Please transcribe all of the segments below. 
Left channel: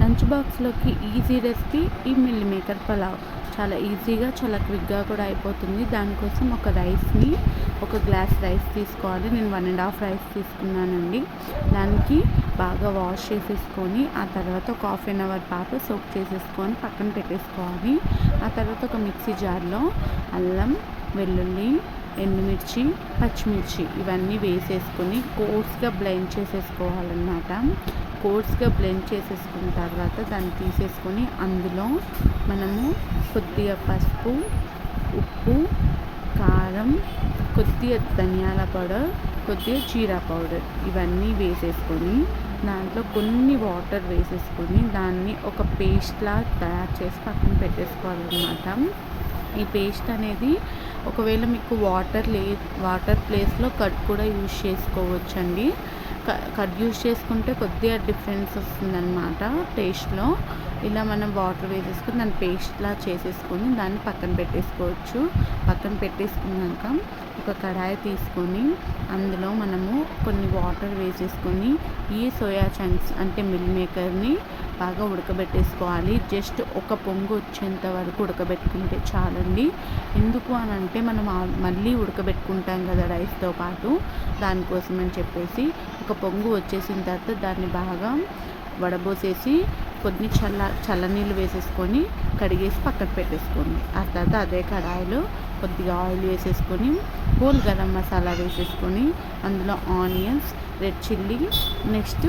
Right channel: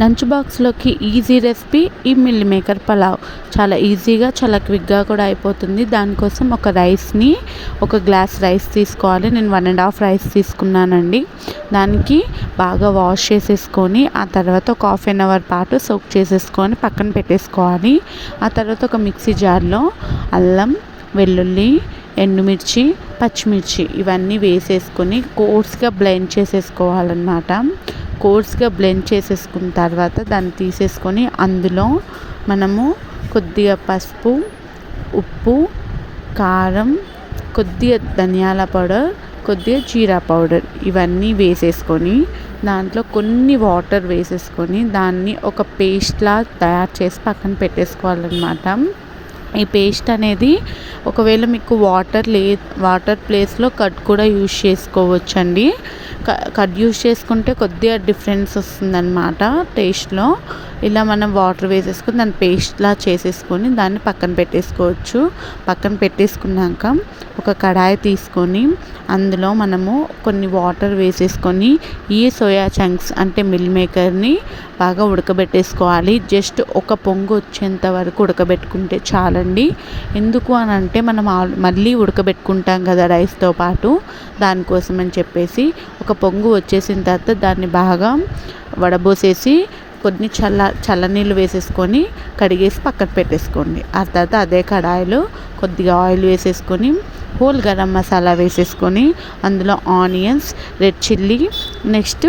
Lunch బాక్స్లోకి easy recipe ఈ meal maker pulao. చాలా ఈజీగా చాలా క్విక్గా కూడా అయిపోతుంది. దానికోసం ఒక రైస్ని ఒక గ్లాస్ రైస్ తీసుకోవాలి. నేను వన్ అండ్ హాఫ్ రైస్ తీసుకున్నానండి. దానికి బాగా వాష్ చేసేసుకొని ఆ తర్వాత ఒక హాఫ్ అన్ అవర్ పాటు సోక్ చేసేసుకొని పక్కన పెట్టేసుకోవాలి. ఆ తర్వాత ఒక మిక్సీ జార్లో అల్లం వెల్లుల్లి ఎండుమిర్చి పచ్చిమిర్చి ఇవన్నీ వేసేసుకొని కోర్స్గా బ్లెండ్ చేసేసుకోవాలన్నమాట. కోర్స్గా బ్లెండ్ చేసేసుకున్న తర్వాత దాన్ని తీసేసుకొని అందులో మనము కొద్దిగా పసుపు ఉప్పు కారం కొద్దిగా ధనియాల పౌడర్ కొద్దిగా జీరా పౌడర్ ఇవన్నీ వేసేసుకొని దాంట్లో కొన్ని వాటర్ వేసేసుకొని దాన్ని ఒక పేస్ట్లా తయారు చేసి పక్కన పెట్టేసుకోవాలన్నమాట. ఈ పేస్ట్ అనేది ఒకవేళ మీకు వాటర్ లే వాటర్ ప్లేస్లో కట్ కూడా యూజ్ చేసుకోవచ్చండి. కట్ యూజ్ చేసుకుంటే కొద్దిగా డిఫరెన్స్ వస్తుందన్నమాట టేస్ట్లో. ఇలా మనం వాటర్ వేసేసుకొని దాన్ని పేస్ట్లా చేసేసుకొని దాన్ని పక్కన పెట్టేసుకోవచ్చు. పక్కన పెట్టేసుకున్నాక ఒక కడాయి తీసుకొని అందులో మనము కొన్ని వాటర్ వేసేసుకొని ఈ సోయా చంక్స్ అంటే మిల్ మేకర్ని బాగా ఉడకబెట్టేసుకోవాలి. జస్ట్ ఒక పొంగు వచ్చేంత వరకు ఉడకబెట్టుకుంటే చాలండి. ఎందుకు అని అంటే మనం మళ్ళీ ఉడకబెట్టుకుంటాం కదా రైస్తో పాటు. దానికోసం అని చెప్పేసి ఒక పొంగు వచ్చేసిన తర్వాత దాన్ని బాగా వడబోసేసి కొన్ని చల్ల చల్లనీళ్ళు వేసేసుకొని కడిగేసి పక్కన పెట్టేసుకోండి. ఆ తర్వాత అదే కడాయిలో కొద్దిగా ఆయిల్ వేసేసుకొని హోల్ గరం మసాలా వేసేసుకొని అందులో ఆనియన్స్ రెడ్ చిల్లీ నెక్స్ట్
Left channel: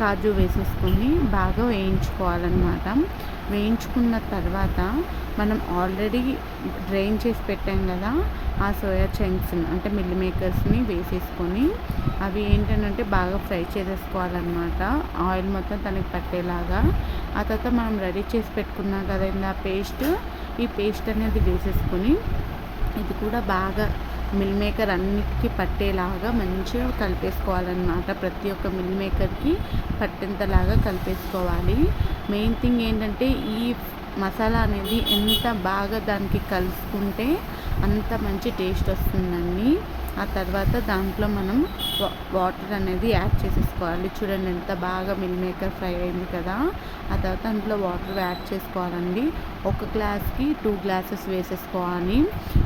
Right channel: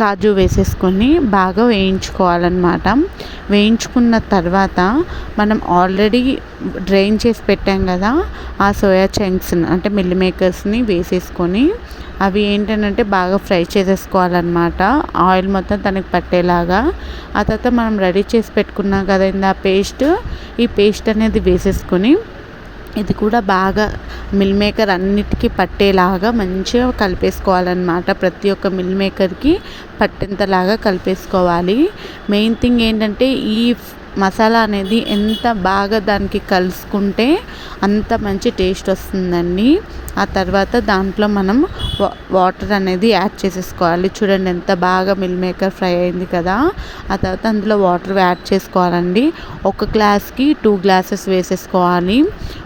కాజు వేసేసుకొని బాగా వేయించుకోవాలన్నమాట. వేయించుకున్న తర్వాత మనం ఆల్రెడీ డ్రైన్ చేసి పెట్టాం కదా ఆ సోయా చంక్స్ అంటే మిల్ మేకర్స్ని వేసేసుకొని అవి ఏంటంటే బాగా ఫ్రై చేసేసుకోవాలన్నమాట. ఆయిల్ మొత్తం తనకి పట్టేలాగా. ఆ తర్వాత మనం రెడీ చేసి పెట్టుకున్నాం కదా ఆ పేస్ట్ ఈ పేస్ట్ అనేది వేసేసుకొని ఇది కూడా బాగా మిల్ మేకర్ అన్నిటికీ పట్టేలాగా మంచిగా కలిపేసుకోవాలన్నమాట. ప్రతి ఒక్క మిల్ మేకర్కి పట్టేంతలాగా కలిపేసుకోవాలి. మెయిన్ థింగ్ ఏంటంటే ఈ మసాలా అనేది ఎంత బాగా దానికి కలుసుకుంటే అంత మంచి టేస్ట్ వస్తుందండి. ఆ తర్వాత దాంట్లో మనం వాటర్ అనేది యాడ్ చేసేసుకోవాలి. చూడండి ఎంత బాగా మిల్ మేకర్ ఫ్రై అయింది కదా. ఆ తర్వాత అందులో వాటర్ యాడ్ చేసుకోవాలండి. ఒక గ్లాస్కి టూ గ్లాసెస్ వేసేసుకోవాలి.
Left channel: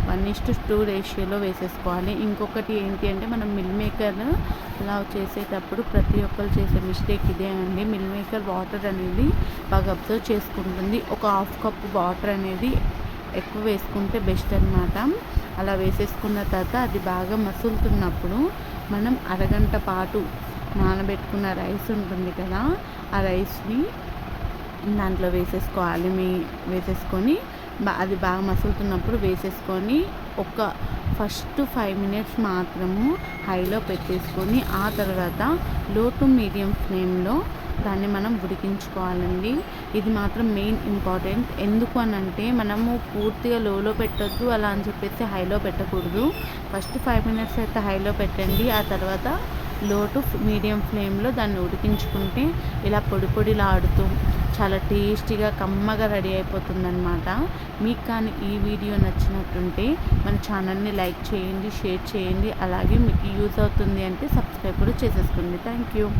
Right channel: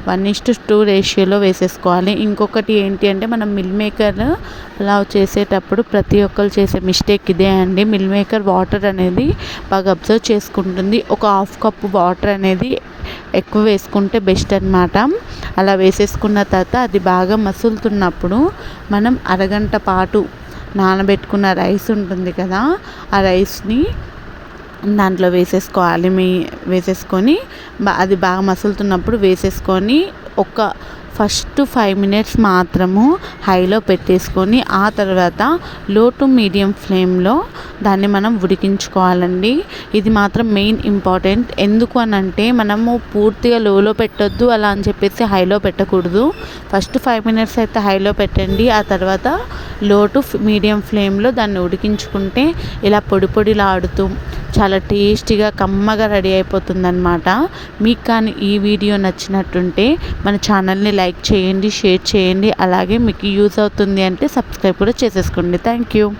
వన్ ఇస్ టూ రేషియోలో వేసేసుకోవాలి. ఇంకొకటి ఏంటి అంటే మనం మిల్ మేకర్ పులావ్ చేసేటప్పుడు ప్రతి ఒక్కరు చేసే మిస్టేక్ ఇదే అండి. మిల్ మేకర్ వాటర్ అనేది బాగా అబ్జర్వ్ చేసుకుంటుంది. ఒక హాఫ్ కప్ వాటర్ అనేది ఎక్కువ వేసుకుంటే బెస్ట్ అనమాట అలా వేసేసుకున్న తర్వాత అది బాగా మసులుతున్నప్పుడు మనం అరగంట పాటు నానబెట్టుకున్న రైస్ ఉంటుంది కదా ఆ రైస్ని దాంట్లో వేసేసుకోవాలి. మీ వేసేసుకొని అది బాగా మసులుతున్నప్పుడు వేసేసుకొని ఒక ఫస్ట్ ఫైవ్ మినిట్స్ మాత్రము హైలో పెట్టేసుకొని ఆ తర్వాత లో టు మీడియం ఫ్లేమ్లో దాన్ని మనం ఉడికించుకోవాలండి. ఇది మాత్రం మెయిన్ ఇంపార్టెంట్. ఎందుకు అని అంటే మనము పూర్తిగా లోలో పెట్టొద్దు అలా అని చెప్పేసి హైలో పెట్టకూడదు. ఫస్ట్ ఫైవ్ మినిట్స్ అయితే హైలో పెట్టండి. ఆ తర్వాత లో టు మీడియం ఫ్లేమ్లో దాన్ని ఉడికించుకుంటే ఇలా పొడి పొడిలాడుతూ చాలా టేస్టీగా కమ్మగా రెడీ అయిపోతుందన్నమాట. మీకు కానీ ఈ వీడియో నచ్చినట్టుంటే మన ఛానల్ని లైక్ చేయండి షేర్ చేయండి అలాగే మీకు యూజ్ అవుతుంది అంటే సబ్స్క్రైబ్ కూడా చేసేసుకోండి. Thank you.